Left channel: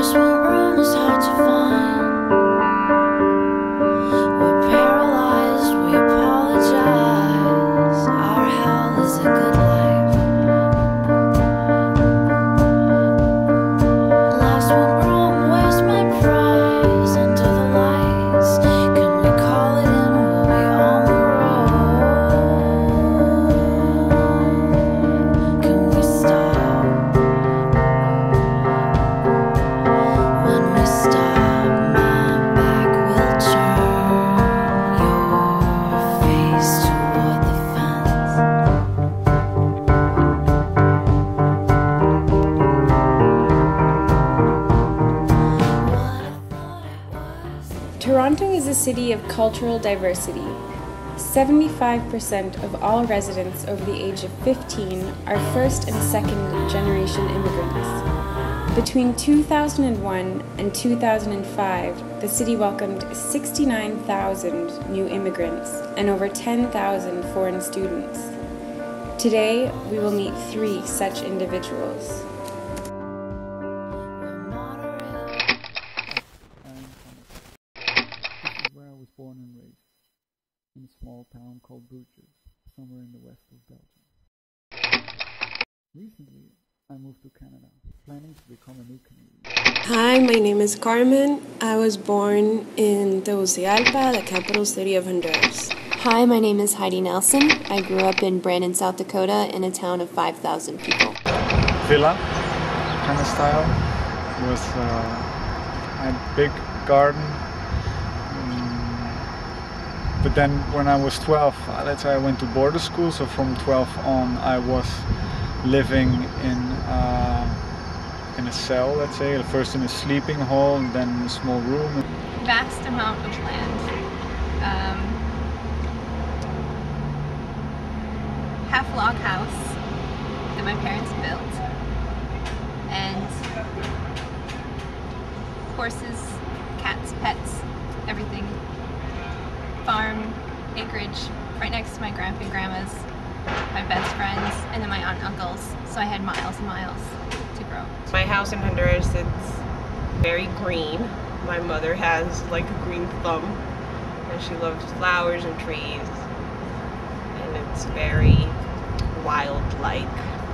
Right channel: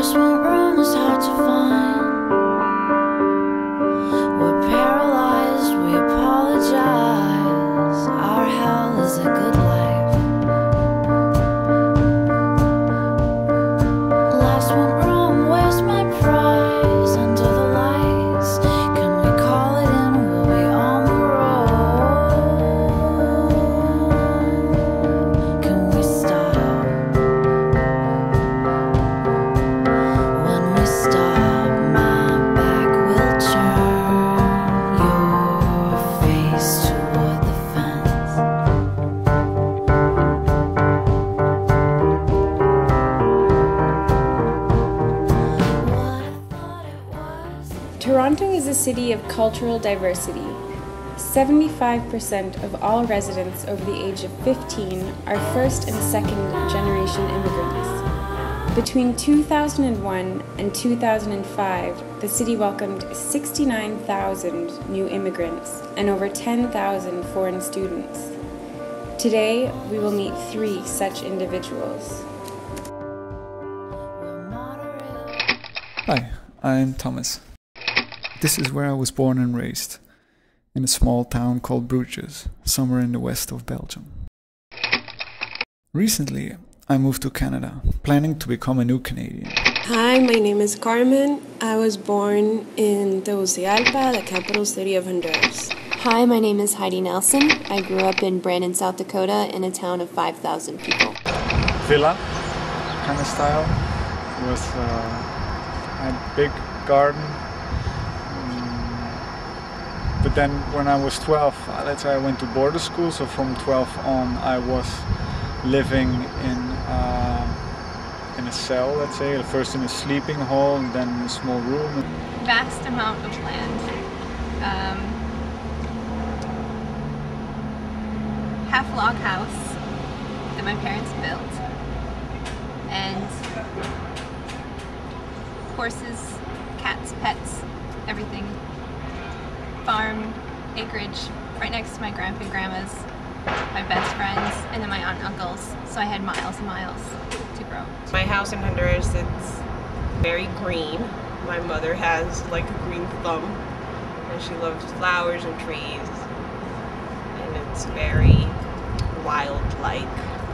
First one room was hard to find. We're paralyzed, we apologize. Our hell is a good life. Last one room, where's my prize? Under the lights, can we call it in? We'll be on the road. Can we stop? When we stop, my back will turn. Your face toward the fence. Toronto is a city of cultural diversity. 75% of all residents over the age of 15 are first and second generation immigrants. Between 2001 and 2005, the city welcomed 69,000 new immigrants and over 10,000 foreign students. Today, we will meet 3 such individuals. Hi, I'm Thomas. This is where I was born and raised, in a small town called Bruges, somewhere in the west of Belgium. Recently, I moved to Canada, planning to become a new Canadian. Hi, my name is Carmen. I was born in Tegucigalpa, the capital city of Honduras. Hi, my name is Heidi Nelson. I grew up in Brandon, South Dakota, in a town of 5,000 people. Villa kind of style, with a big garden. But then when I was 12, let's say I went to border school, so from 12 on I was living in a cell, let's say, first in a sleeping hall and then in a small room. Vast amount of land. Half log house that my parents built, and horses, cats, pets, everything. Farm, acreage, right next to my grandpa and grandma's, my best friends, and then my aunt and uncles, so I had miles and miles to grow. My house in Honduras, it's very green. My mother has like a green thumb, and she loves flowers and trees, and it's very wild-like.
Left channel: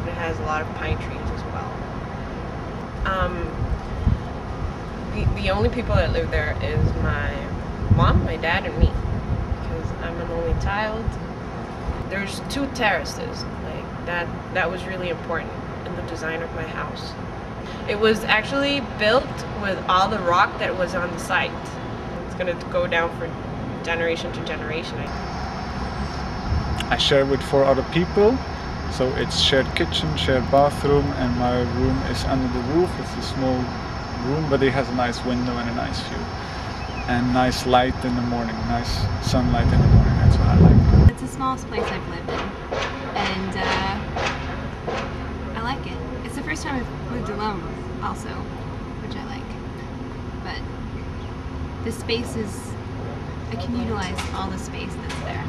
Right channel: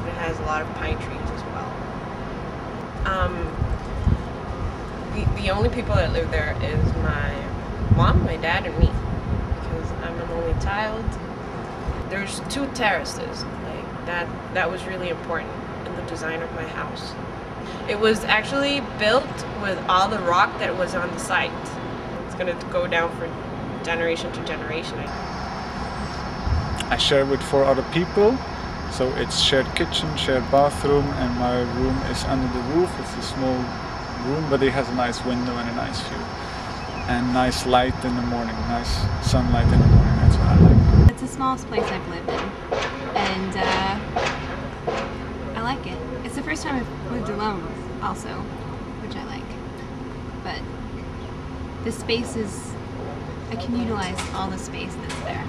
It has a lot of pine trees as well. The only people that live there is my mom, my dad, and me, because I'm an only child. There's 2 terraces, like that was really important in the design of my house. It was actually built with all the rock that was on the site. It's gonna go down for generation to generation. I share with 4 other people, so it's shared kitchen, shared bathroom, and my room is under the roof. It's a small room, but it has a nice window and a nice view. And nice light in the morning, nice sunlight in the morning, that's what I like. It's the smallest place I've lived in, and I like it. It's the first time I've lived alone also, which I like. But the space is, I can utilize all the space that's there.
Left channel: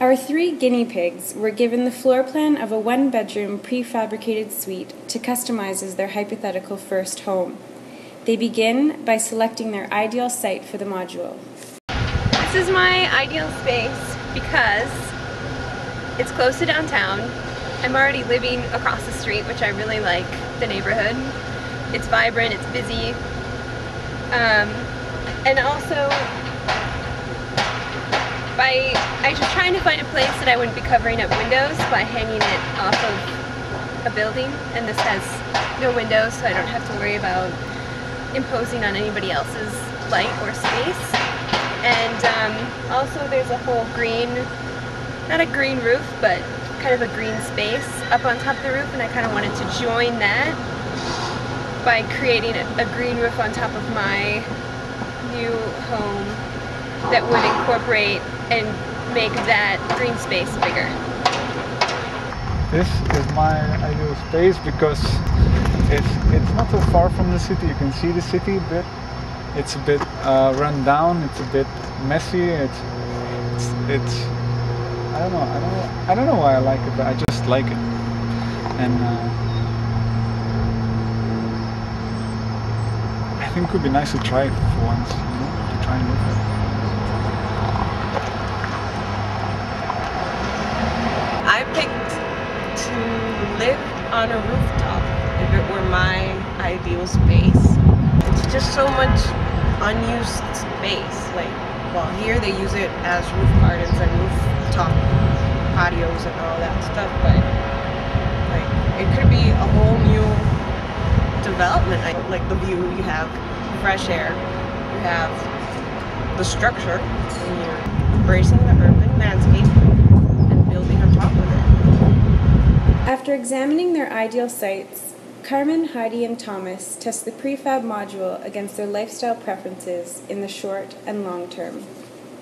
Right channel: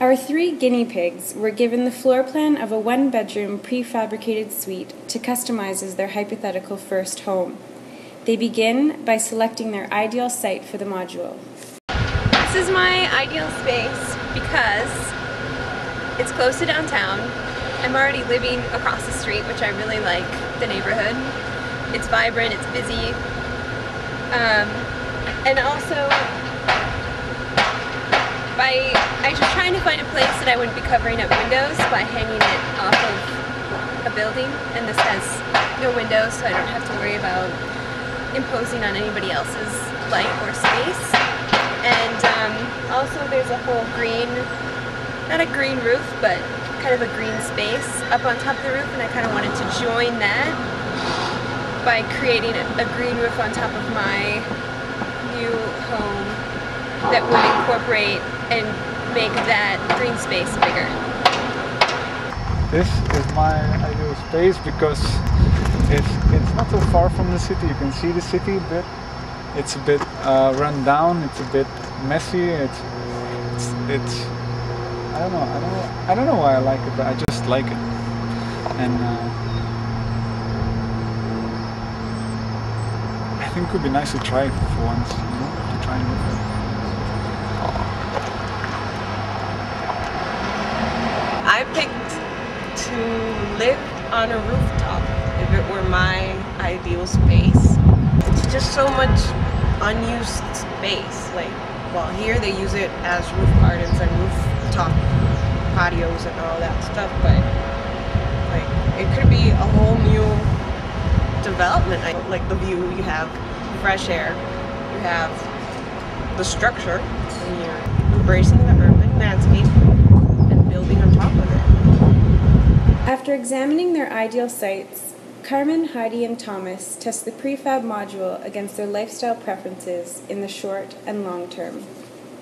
Our 3 guinea pigs were given the floor plan of a 1-bedroom prefabricated suite to customize as their hypothetical first home. They begin by selecting their ideal site for the module. This is my ideal space because it's close to downtown. I'm already living across the street, which I really like the neighborhood. It's vibrant, it's busy. And also, I was trying to find a place that I wouldn't be covering up windows by hanging it off of a building, and this has no windows, so I don't have to worry about imposing on anybody else's light or space. And also there's a whole green, not a green roof, but kind of a green space up on top of the roof, and I kind of wanted to join that by creating a green roof on top of my new home that would incorporate and make that green space bigger. This is my ideal space because it's not so far from the city. You can see the city a bit. It's a bit run down. It's a bit messy. It's I don't know why I like it, but I just like it. And think it would be nice to try for once, you know, to try and live there. I picked to live on a rooftop if it were my ideal space. It's just so much unused space. Like, well, here they use it as roof gardens and rooftop patios and all that stuff, but like it could be a whole new development. Like the view, you have fresh air, you have the structure, and you're embracing the urban landscape and building on top of it. After examining their ideal sites, Carmen, Heidi, and Thomas test the prefab module against their lifestyle preferences in the short and long term.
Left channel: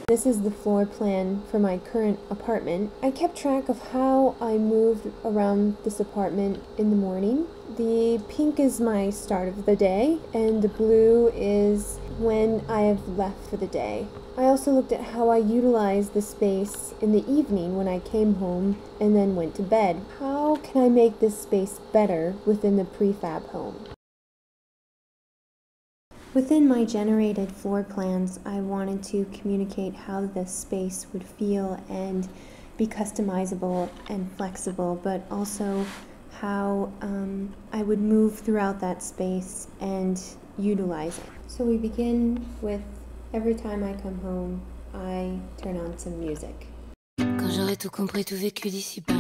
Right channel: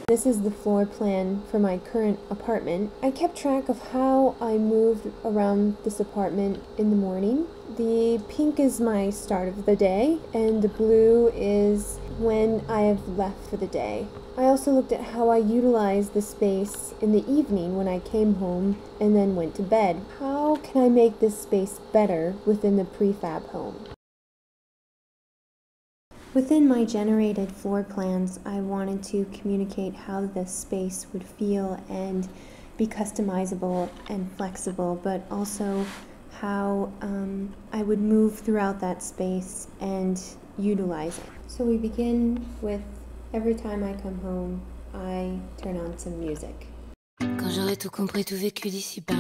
This is the floor plan for my current apartment. I kept track of how I moved around this apartment in the morning. The pink is my start of the day, and the blue is when I have left for the day. I also looked at how I utilized the space in the evening when I came home and then went to bed. How can I make this space better within the prefab home? Within my generated floor plans, I wanted to communicate how the space would feel and be customizable and flexible, but also how I would move throughout that space and utilize it. So we begin with every time I come home, I turn on some music. Quand j'aurai tout compris, tout vécu d'ici-bas.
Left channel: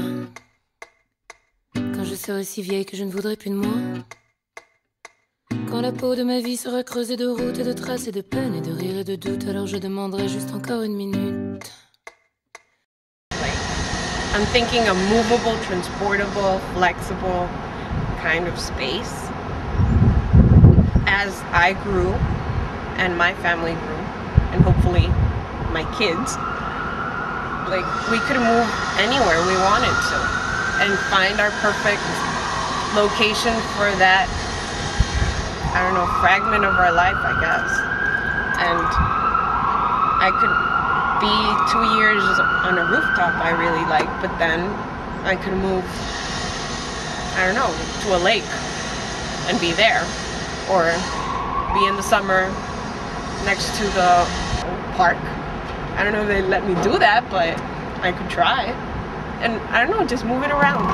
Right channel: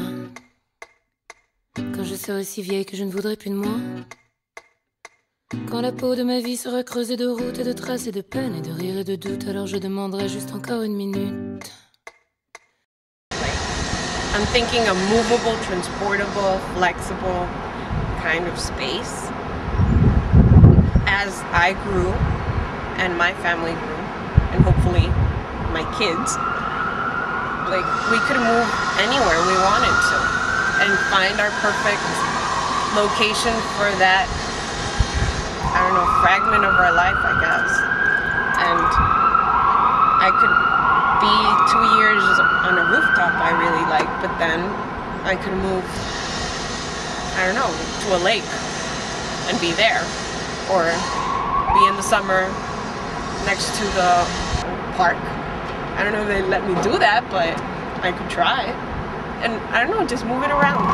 Quand je serai si vieille que je ne voudrais plus de moi. Quand la peau de ma vie sera creusée de routes et de traces et de peines et de rires et de doutes, alors je demanderai juste encore une minute. I'm thinking a movable, transportable, flexible kind of space. As I grew and my family grew, and hopefully my kids, like we could move anywhere we wanted to and find our perfect location for that, I don't know, fragment of our life, I guess. And I could be 2 years on a rooftop I really like, but then I could move, I don't know, to a lake and be there. Or be in the summer next to the park. I don't know if they let me do that, but I could try. And I don't know, just move it around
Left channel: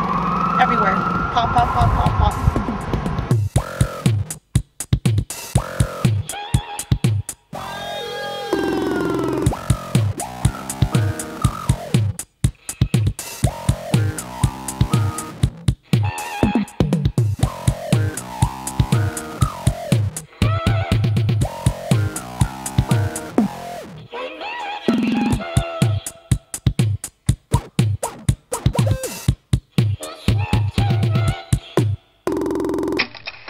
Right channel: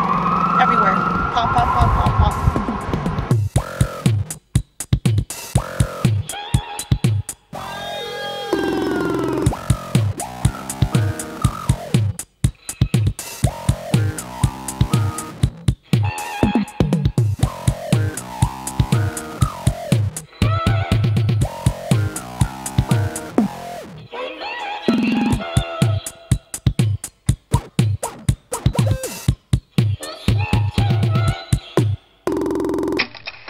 everywhere. Pop, pop, pop, pop, pop.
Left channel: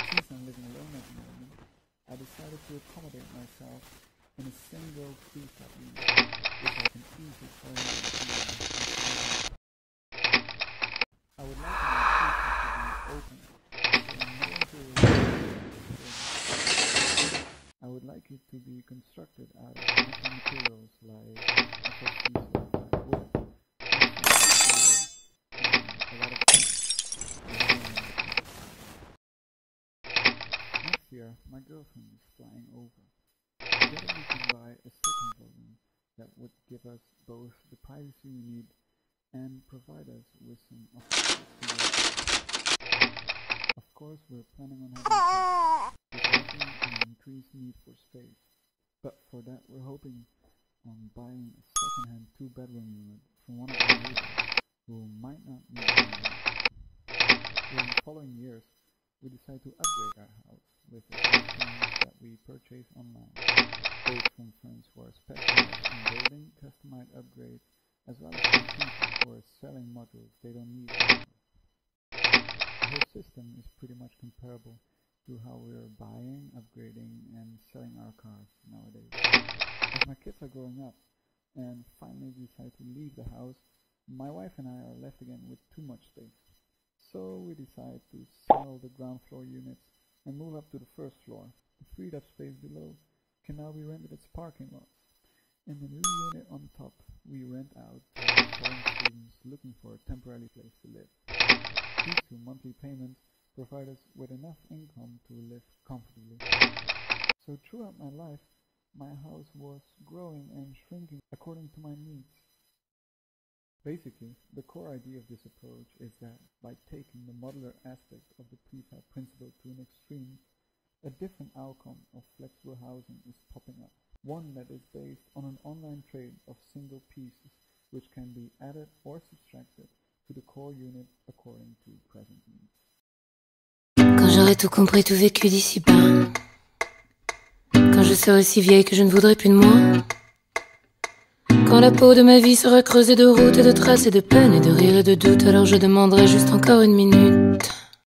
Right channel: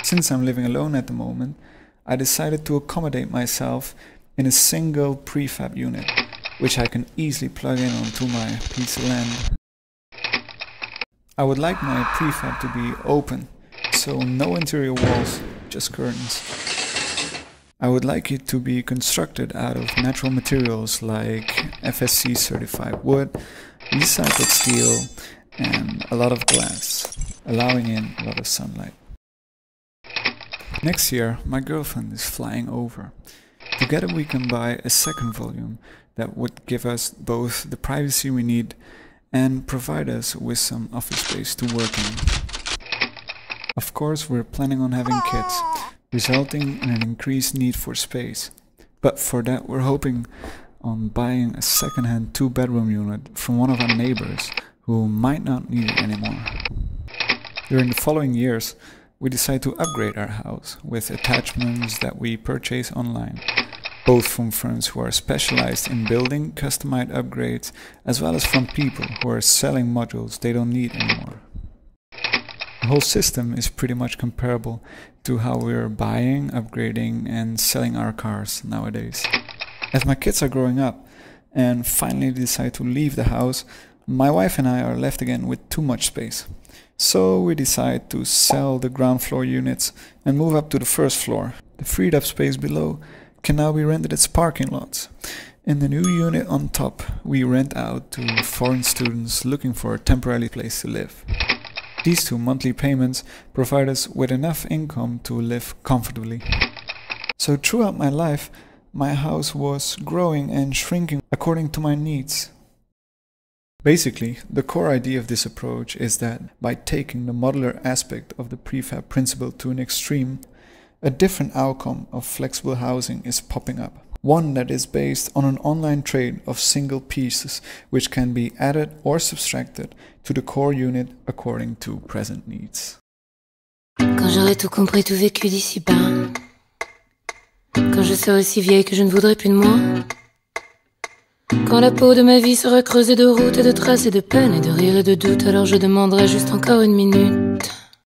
Since I'm living alone at the moment, I decided to accommodate myself in a single prefab unit, which I can easily plug in onto my piece of land. I would like my prefab to be open, so no interior walls, just curtains. I would like it to be constructed out of natural materials like FSC certified wood, recycled steel, and a lot of glass, allowing in a lot of sunlight. Next year, my girlfriend is flying over. Together we can buy a second volume that would give us both the privacy we need and provide us with some office space to work in. Of course, we're planning on having kids, resulting in an increased need for space. But for that, we're hoping on buying a second-hand 2-bedroom unit from one of our neighbors who might not need it anymore. During the following years, we decide to upgrade our house with attachments that we purchase online, both from firms who are specialized in building customized upgrades, as well as from people who are selling modules they don't need anymore. The whole system is pretty much comparable to how we're buying, upgrading, and selling our cars nowadays. As my kids are growing up and finally decide to leave the house, my wife and I are left again with too much space. So we decide to sell the ground floor units and move up to the first floor. The freed up space below can now be rented as parking lots. In the new unit on top, we rent out to foreign students looking for a temporary place to live. These 2 monthly payments provide us with enough income to live comfortably. So throughout my life, my house was growing and shrinking according to my needs. Basically, the core idea of this approach is that by taking the modular aspect of the prefab principle to an extreme, a different outcome of flexible housing is popping up. One that is based on an online trade of single pieces which can be added or subtracted to the core unit according to present needs. Quand j'aurai tout compris, tout vécu d'ici-bas, quand je serai aussi vieille que je ne voudrais plus de moi, quand la peau de ma vie sera creusée de routes et de traces et de peines et de rires et de doutes, alors je demanderai juste encore une minute.